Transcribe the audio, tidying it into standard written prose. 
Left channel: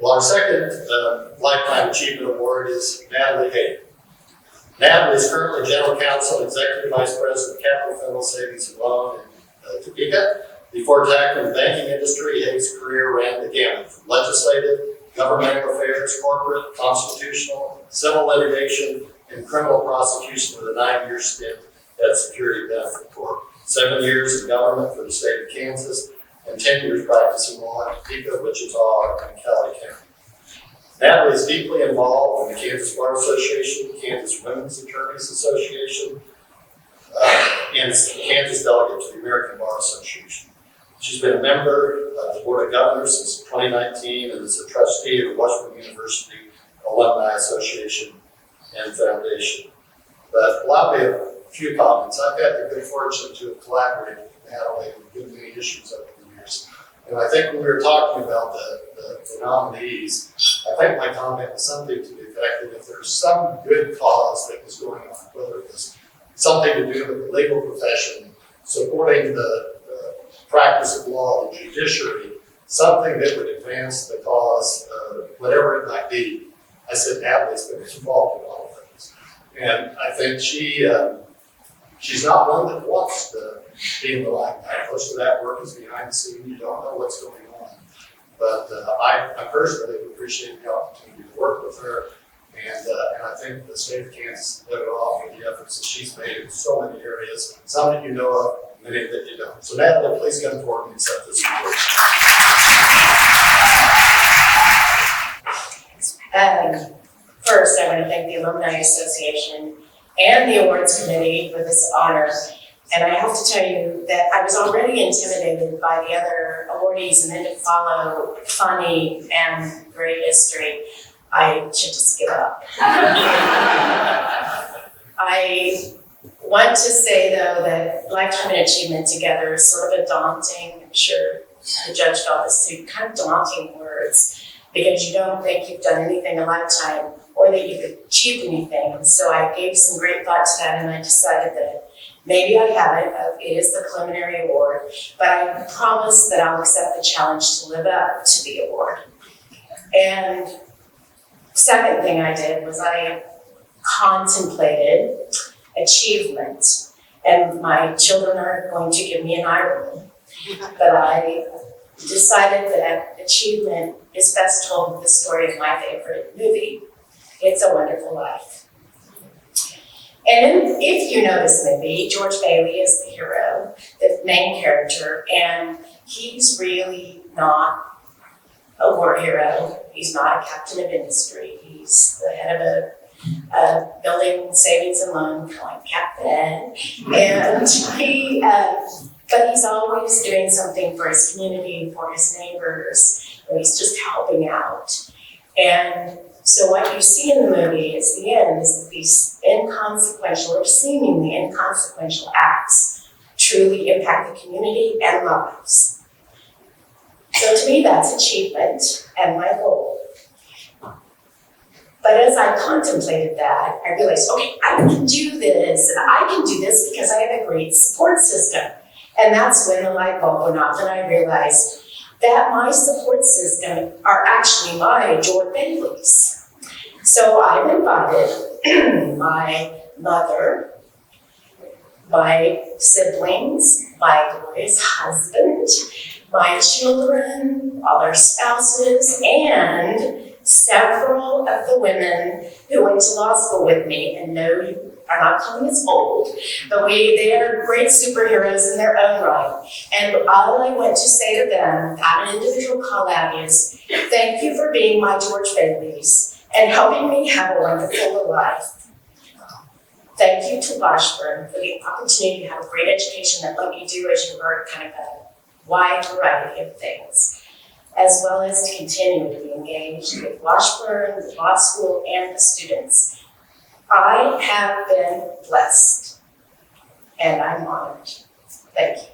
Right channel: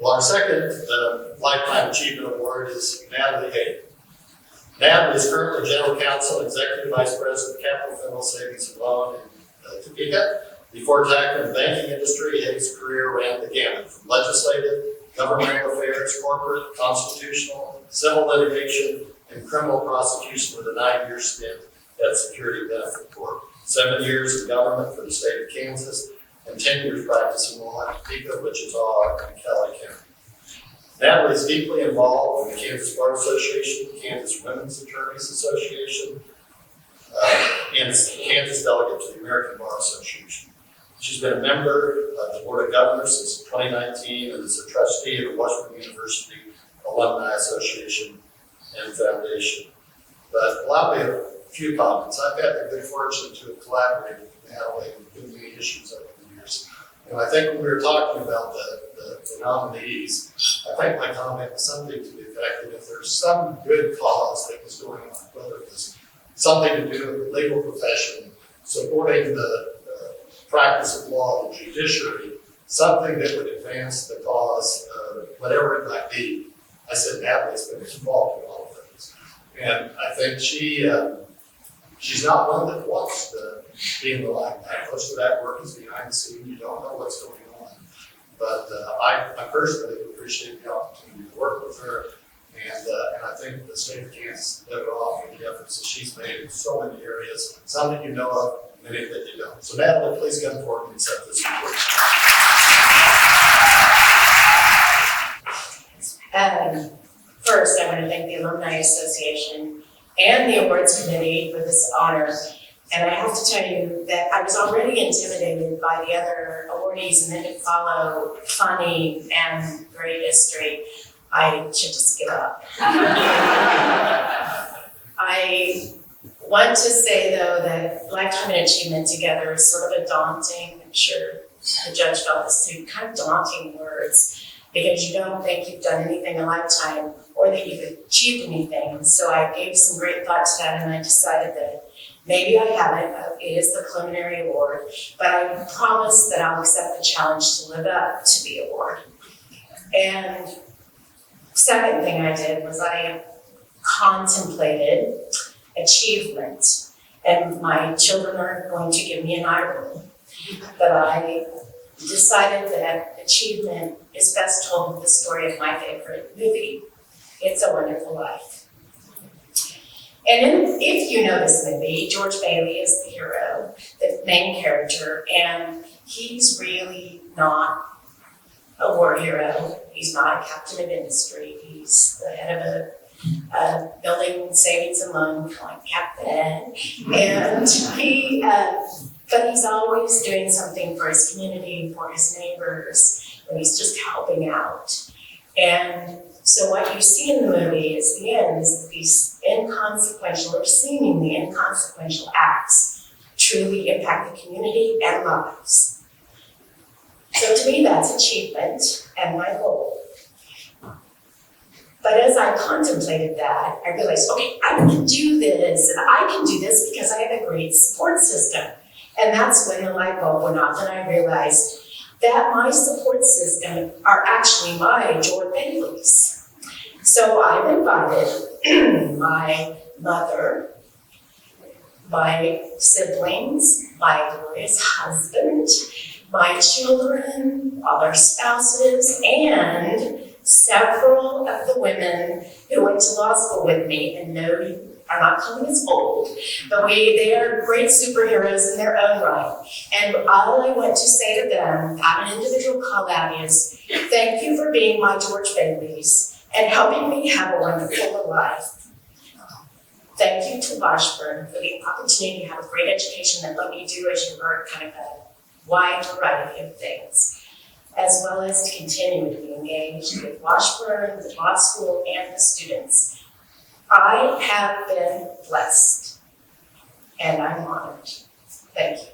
Well, our second Lifetime Achievement Award is Natalie Haag. Natalie is currently General Counsel and Executive Vice President of Capital Federal Savings and Loan in Topeka. Before tackling the banking industry, Haag's career ran the gamut from legislative, governmental affairs, corporate, constitutional, civil litigation, and criminal prosecution with a 9-year stint at Security Benefit Corp. 7 years in government for the state of Kansas, and 10 years practicing law in Topeka, Wichita, and Cowley County. Natalie is deeply involved in the Kansas Bar Association, Kansas Women's Attorneys Association, and is the Kansas delegate to the American Bar Association. She's been a member of the Board of Governors since 2019 and is a trustee of the Washburn University Alumni Association and Foundation. But allow me a few comments. I've had the good fortune to have collaborated with Natalie on good many issues over the years. And I think when we were talking about the nominees, I think my comment was something to the effect that if there's some good cause that was going on, whether it was something to do with the legal profession, supporting the practice of law, the judiciary, something that would advance the cause, whatever it might be, I said Natalie's been involved in all of those. And I think she's not one that wants to be in the limelight. Most of that work is behind the scenes. You don't know what's going on. But I personally appreciate the opportunity to work with her. And I think the state of Kansas did it off with the efforts that she's made in so many areas, some that you know of, many that you don't. So Natalie, please come forward and accept this award. First, I want to thank the Alumni Association and the Awards Committee for this honor. And I have to tell you that I was already intimidated by the other awardees, and then to follow funny and great history, I should just give up. I want to say, though, that Lifetime Achievement together is sort of a daunting, I'm sure the judge felt this too, kind of daunting words, because you don't think you've done anything in a lifetime or that you've achieved anything. And so I gave some great thought to that, and I decided that maybe I haven't. It is the preliminary award, but I promise that I'll accept the challenge to live up to the award. And second thing I did was I contemplated achievement, and my children are going to give me an eye roll, but I decided that achievement is best told with the story of my favorite movie, It's a Wonderful Life. And if you know this movie, George Bailey is the hero, the main character, and he's really not a war hero. He's not a captain of industry. He's the head of a building savings and loan, kind of like captain. And but he's always doing something for his community, for his neighbors, and he's just helping out. And so what you see in the movie is the end is that these inconsequential or seemingly inconsequential acts truly impact the community and lives. So to me, that's achievement and my goal. But as I contemplated that, I realized, okay, I can do this, and I can do this because I have a great support system. And that's when the light bulb went off, and I realized that my support system are actually my George Baileys. So I've invited my mother, my siblings, my glorious husband, my children, all their spouses, and several of the women who went to law school with me. And no, you are not calling us old, but they are great superheroes in their own right. And all I want to say to them, at an individual call out, is thank you for being my George Baileys and helping me have a wonderful life. Thank you to Washburn for the opportunity to have a great education that let me do, as you heard, kind of a wide variety of things, as well as to continue to be engaged with Washburn, the law school, and the students. I have been blessed, and I'm honored. Thank you.